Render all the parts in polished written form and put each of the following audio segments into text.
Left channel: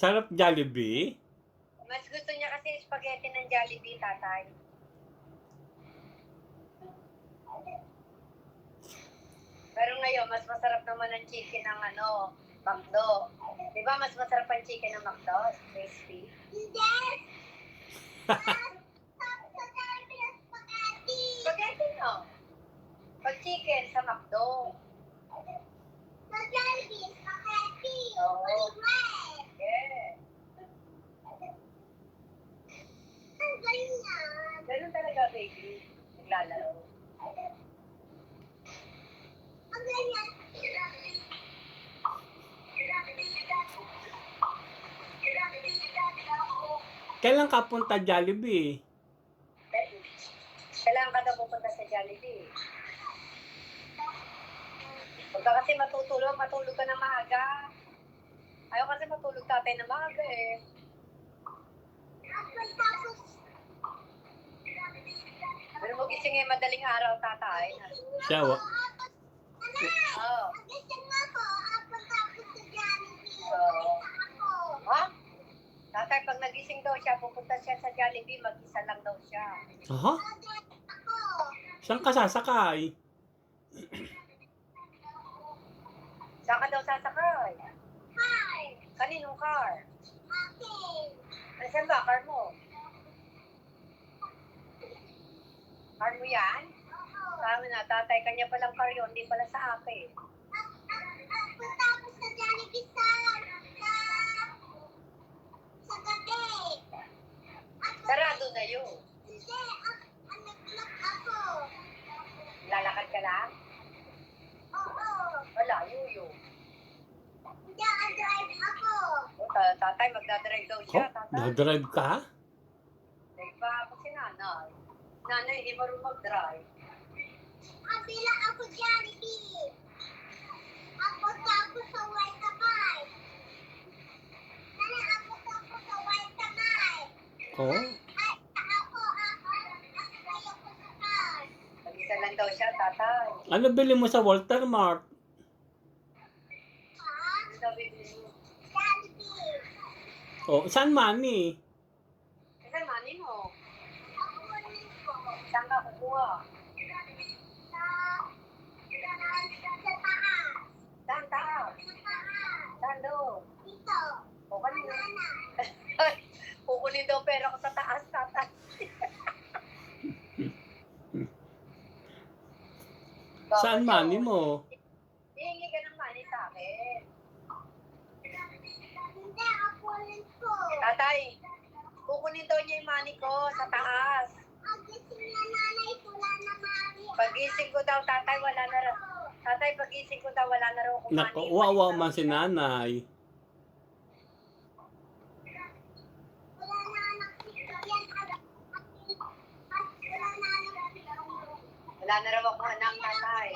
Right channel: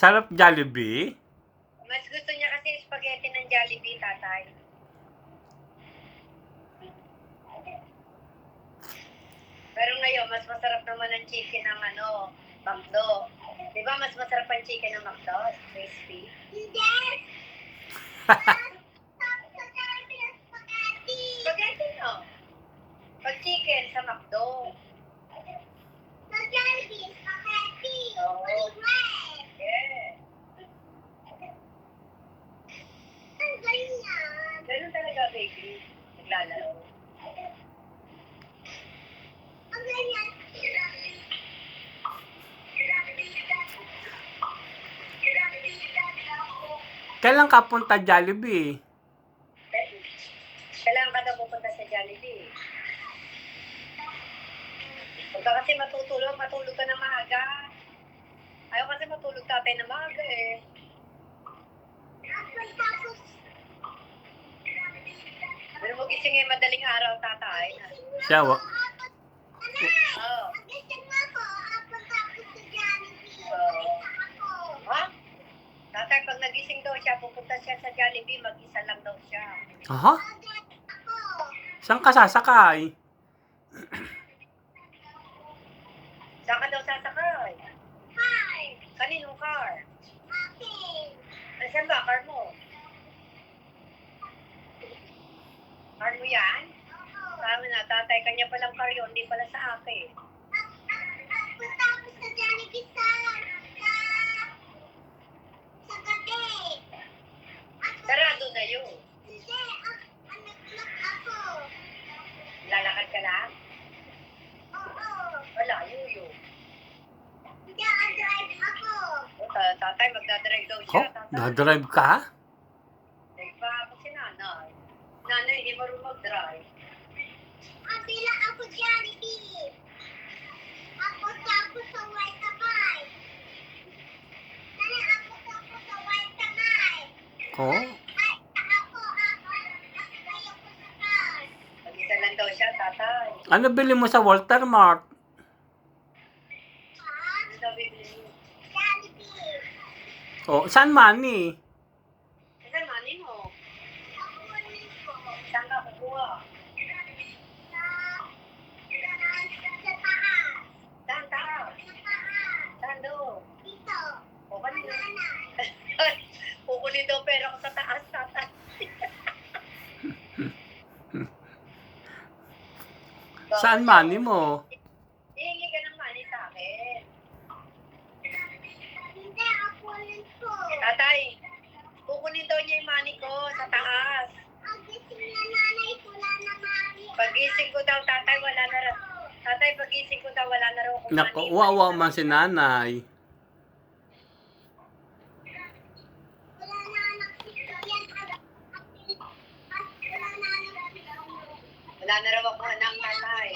Sarap Jollibee? Mas gusto niya kasi spaghetti ng Jollibee, tatay. Pero ngayon, mas masarap naman ang chicken ng McDo. Di ba mas masarap ang chicken ng McDo? Crispy. Hindi! Spaghetti, no? Pag chicken sa McDo. Sa Jollibee, spaghetti. Oo. Yeah. Ang galing yan. Ganun talaga, baby. Naglalaro. Ang galing yan. Kailan ka punta Jollibee? Kailangan ka daw pupunta sa Jollibee. Huwag ka kasi matulog ka na maaga. Ayaw kasi matulog tatay na maaga eh. Pero magising eh, madaling araw tatay. Siya, Oo. Ha? Tatay, pag nagising daw siya, pupunta siya sa Jollibee, mag-isa lang daw siya. aha? Saan ka sasakay? Saan ka daw sasakay? Car. Kaninong car? Akin. Saan ba car mo? Car mo yan? Sabi na, tatay, kanya palang car yun, hindi pala sa akin. Punta ako sa Jollibee sa gabi. Sarado na yun. Hindi, nag-vlog ako. Lalakad ka lang? Oo. Wala, yun. Hindi, drive ako. Tatay, magdadrive daw siya. Oh, dadrive ka? Drive pa ako si nanay. Nanay, hindi marunong mag-drive. Bila ako Jollibee. Ako sa white kamay. Nanay, ako sa white kamay. Oh, Ay, ako ko sa car. Mag-isa lang daw siya, tatay. ano bili mo sa Walter Mart? Ha? Ano daw bibili mo? Jollibee. Oh, saan money? Saan money mo? Ako kunin ko. Saan ka kukuha? Sa taas. Saan taas? Sa taas. Saan doon? Dito. O kanina? Kukunin daw pera ko sa taas, tatay. Saan money mo? Hihingi ka ng money sa akin. Hindi, ako ulit ko. Tatay, kukunin daw niya yung money ko sa taas. Pagising na nanay, wala na money. Pagising ko daw, tatay, wala na raw. Tatay, pagising ko daw, wala na raw akong Naku, money. wawa man si nanay. Wala na anak si yan. Wala na raw akong anak, tatay.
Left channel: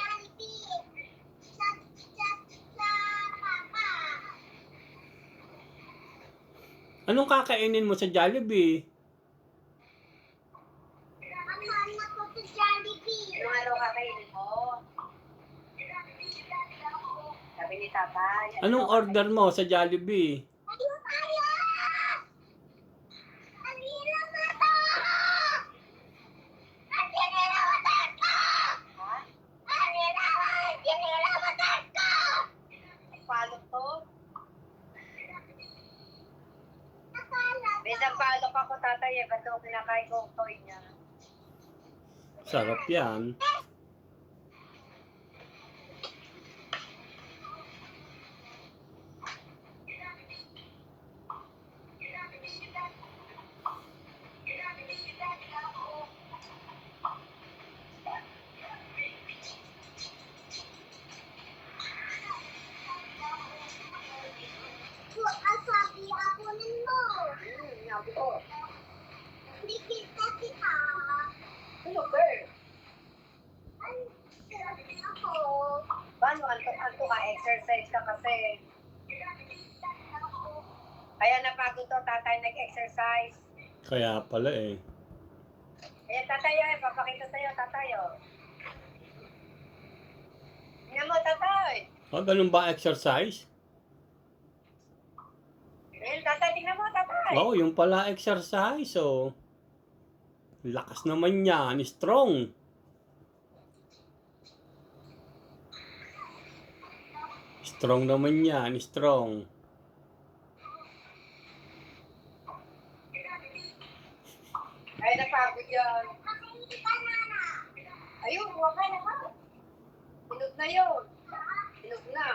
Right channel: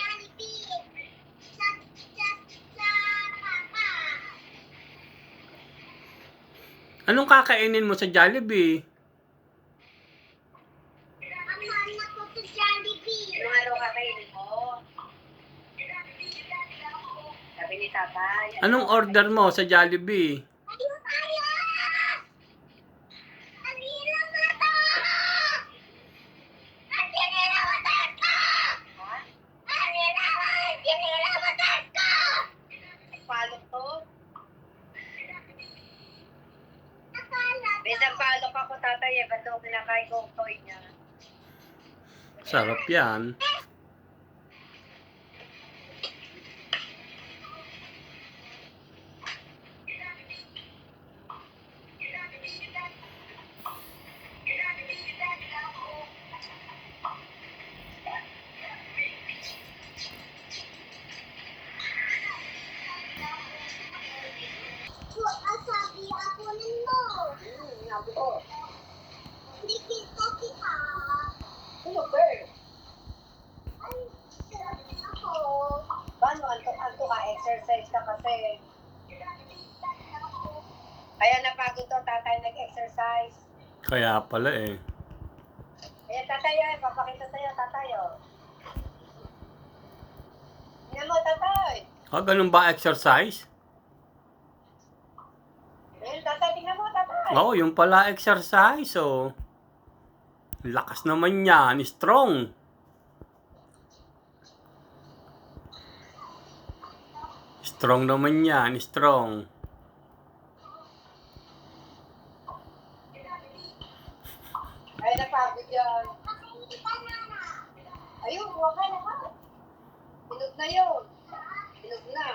Anong kakainin mo sa Jollibee? Anong araw kakainin mo? Sabi ni tatay. Anong order mo sa Jollibee? Palok to? Besang palok ako, tatay eh. Ba't daw kinakain ko ang toy niya? Sarap yan. Sabi ako mo. Sabi ko. Hindi kita. Ano ba? Ay, sabi ako. Paano? Anto ka? Exercise ka kasi. Kaya napagod to, tatay nag-exercise. Kaya pala eh. Kaya tatay, papakita sa'yo, tatay, oh. Tingnan mo, tatay. Ganun ba exercise? Oo, yung pala exercise, oh. Lakas naman yan, strong. Strong naman yan, strong. Ay, napagod yan. Ayun, huwag ka na ka. Hinog na yun. Hinog na.